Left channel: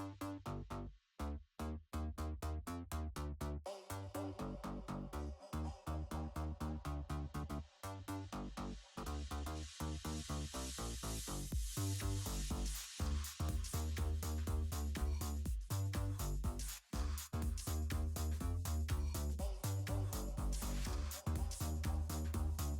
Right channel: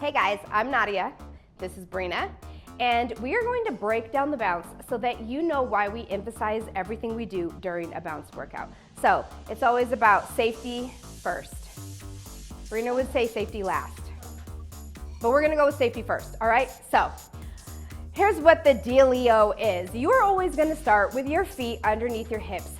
Hey guys, I'm Nadia. This is Brina. And we are going to break down the bounce so that you know why we emphasize everything we do during a bounce workout. So it's always about safety first. Brina would say safety last, but we're gonna go with safety first, all right? So here's what the dealio is. You are always gonna start with your feet underneath your hips.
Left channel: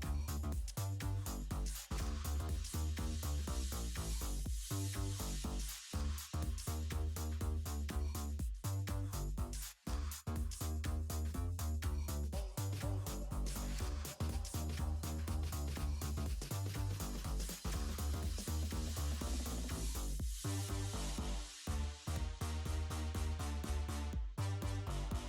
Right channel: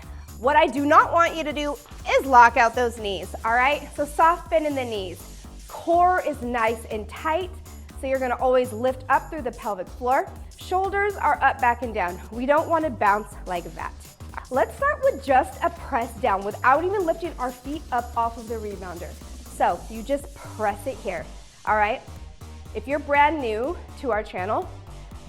What I do not want you to do is lock out those knees, all right? So soft bend in the knees. Core is nice and tight, so you're gonna always lift up through the pelvic floor. Shoulders are up, back, and down. We don't wanna bounce like that. Let's start with just a press down without even lifting our feet up off of the rebounder. So you just press it here, all right? If you're brand new to our channel,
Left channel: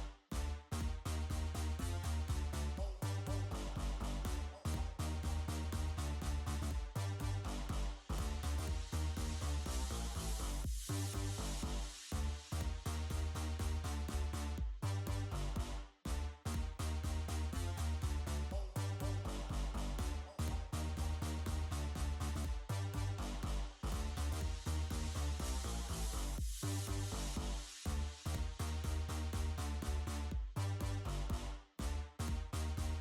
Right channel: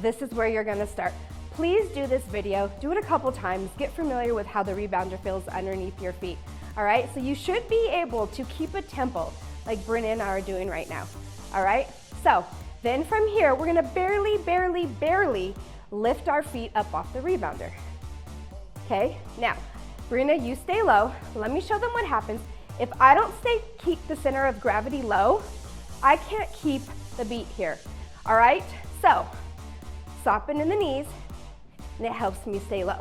this is where you're gonna start. Please do this video, do it a couple times, get familiar with how the rebounder feels underneath your feet, all right? So you should be able to keep a tempo like Brina and I are doing right now, all right? So then from here, we're gonna barely lift our feet up off the rebounder. Okay, now, Brina, you stay low. Let me show them what happens. If I don't keep the center of gravity low, I can't keep the beat here, all right? So, soften in the knees, and it helps me stay low.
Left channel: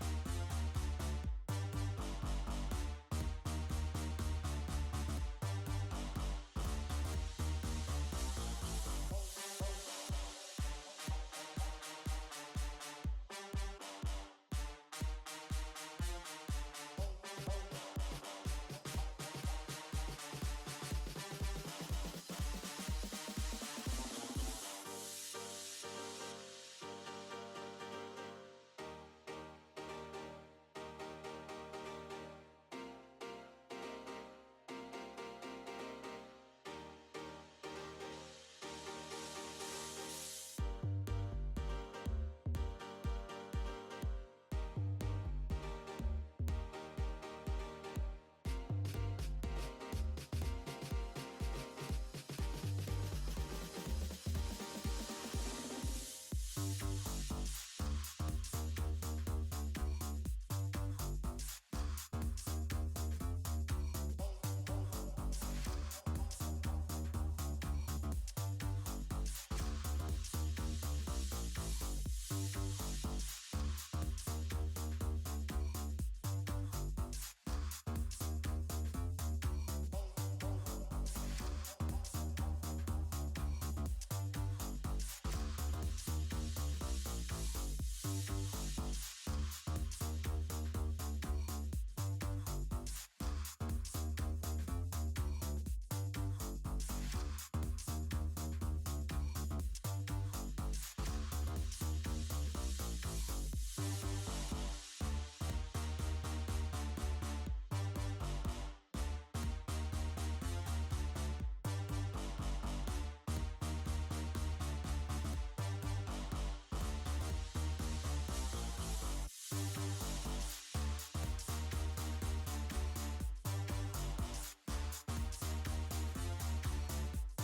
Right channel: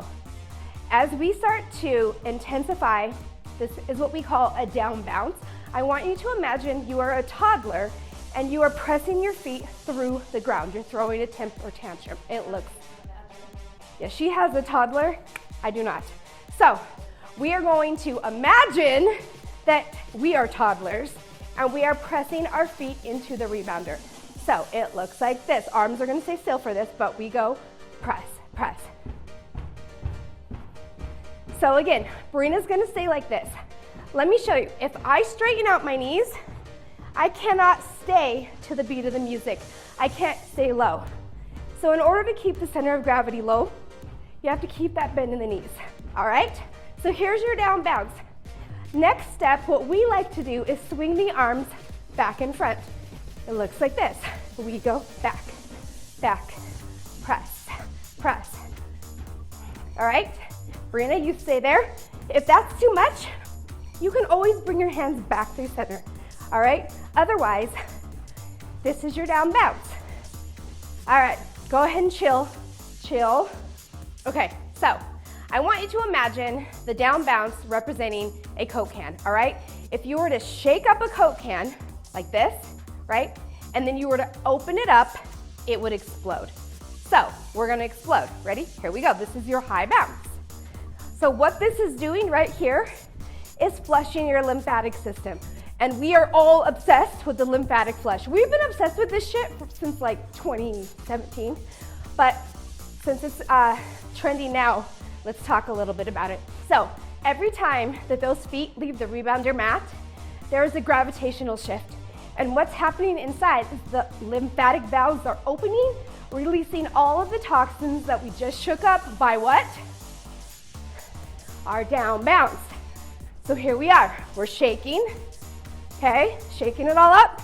As we start to intensify, this is what we call a down bounce. I want you to imagine you are a toddler and you are pressing your feet through the ground. You're throwing a temper tantrum. It looks, yeah, she has a toddler, I do not. So we are going to imagine that we are toddlers and we are pressing our feet into the rebounder. So it looks like this. Arms are gonna stay still for this, but we go press, press. So again, Brina's gonna stay like this. Let me show you. If I straighten out my knees, I cannot stay to the beat of the music. I can't stay low. So in order to keep the center of gravity low, you have to keep that bend in the knees, all right? So here's your down bounce. Next step, what we like to do is swing the arms back and front. It looks like this. We go back, back, press, press. All right, Brina, you stay there. If that's too much, you can always bring your hands back through center, all right? Otherwise, this is your down bounce. All right, go ahead and chill, chill. Okay, so I want you to imagine the down bounce representing a Coke can, all right? If you were to shake up a Coke can like this, right? And then you were to open it up, it would explode. So we're gonna explode. Ready? Here we go. This is your high bounce. So what this is doing right here is flushing your lymphatic system. And we are all obsessed with the lymphatic flush. We've been obsessed with this shit since like 2017, but since it's trendy now, let's talk a little bit about it. So every time that those feet leave the rebounder mat, there is a gravitational shift. And what's happening inside is the lymphatic valves are opening, releasing all of the toxins that we just shook up by what? Our down bounce. So here we are, we're shaking, okay? Shaking it all up,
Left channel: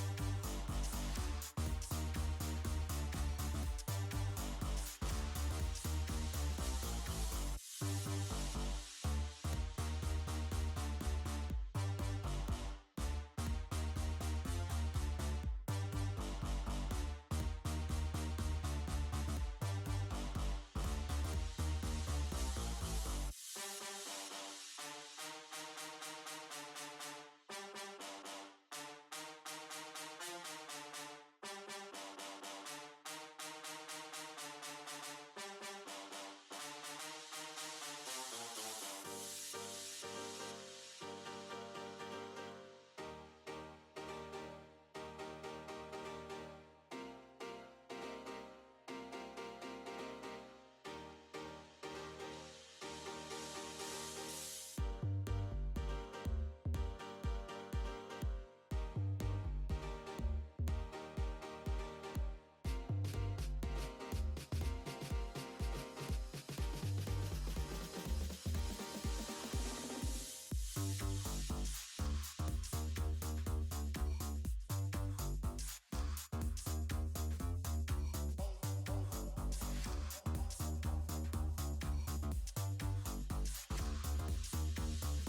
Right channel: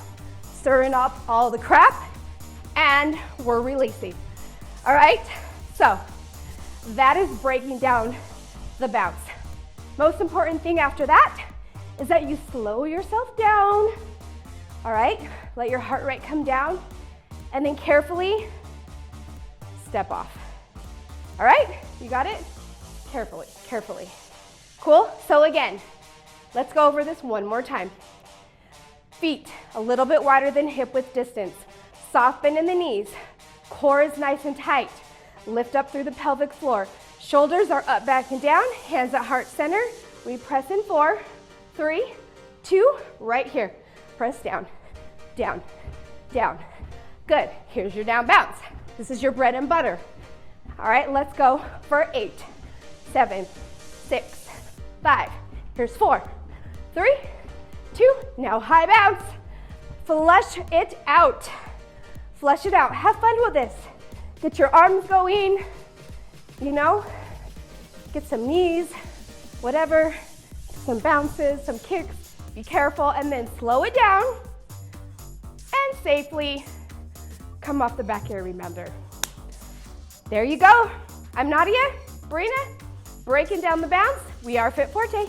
stirring up all the crap, and we're releasing, all right? So that is breaking down the bounce. Most important thing after that is that you slow yourself down, all right? Let your heart rate come down, and then carefully step off. All right, you got it? Carefully, carefully. Cool, so again, let's go over this one more time. Feet a little bit wider than hip width distance. Soft bend in the knees. Core is nice and tight. Lift up through the pelvic floor. Shoulders are up, back, and down. Hands at heart center. We press in 4, 3, 2, right here. Press down, down, down. Good, here's your down bounce. This is your bread and butter. All right, let's go for 8, 7, 6, 5. Here's 4, 3, 2, now high bounce. Flush it out. Flush it out. Have fun with this. Get your arms going, you know, get some knees, whatever, some bounces, some kicks. Be careful, and then slow it down and safely come off the back of your rebounder. There you go. I'm Nadia, Brina, breaking down the bounce. We are Fit Forte.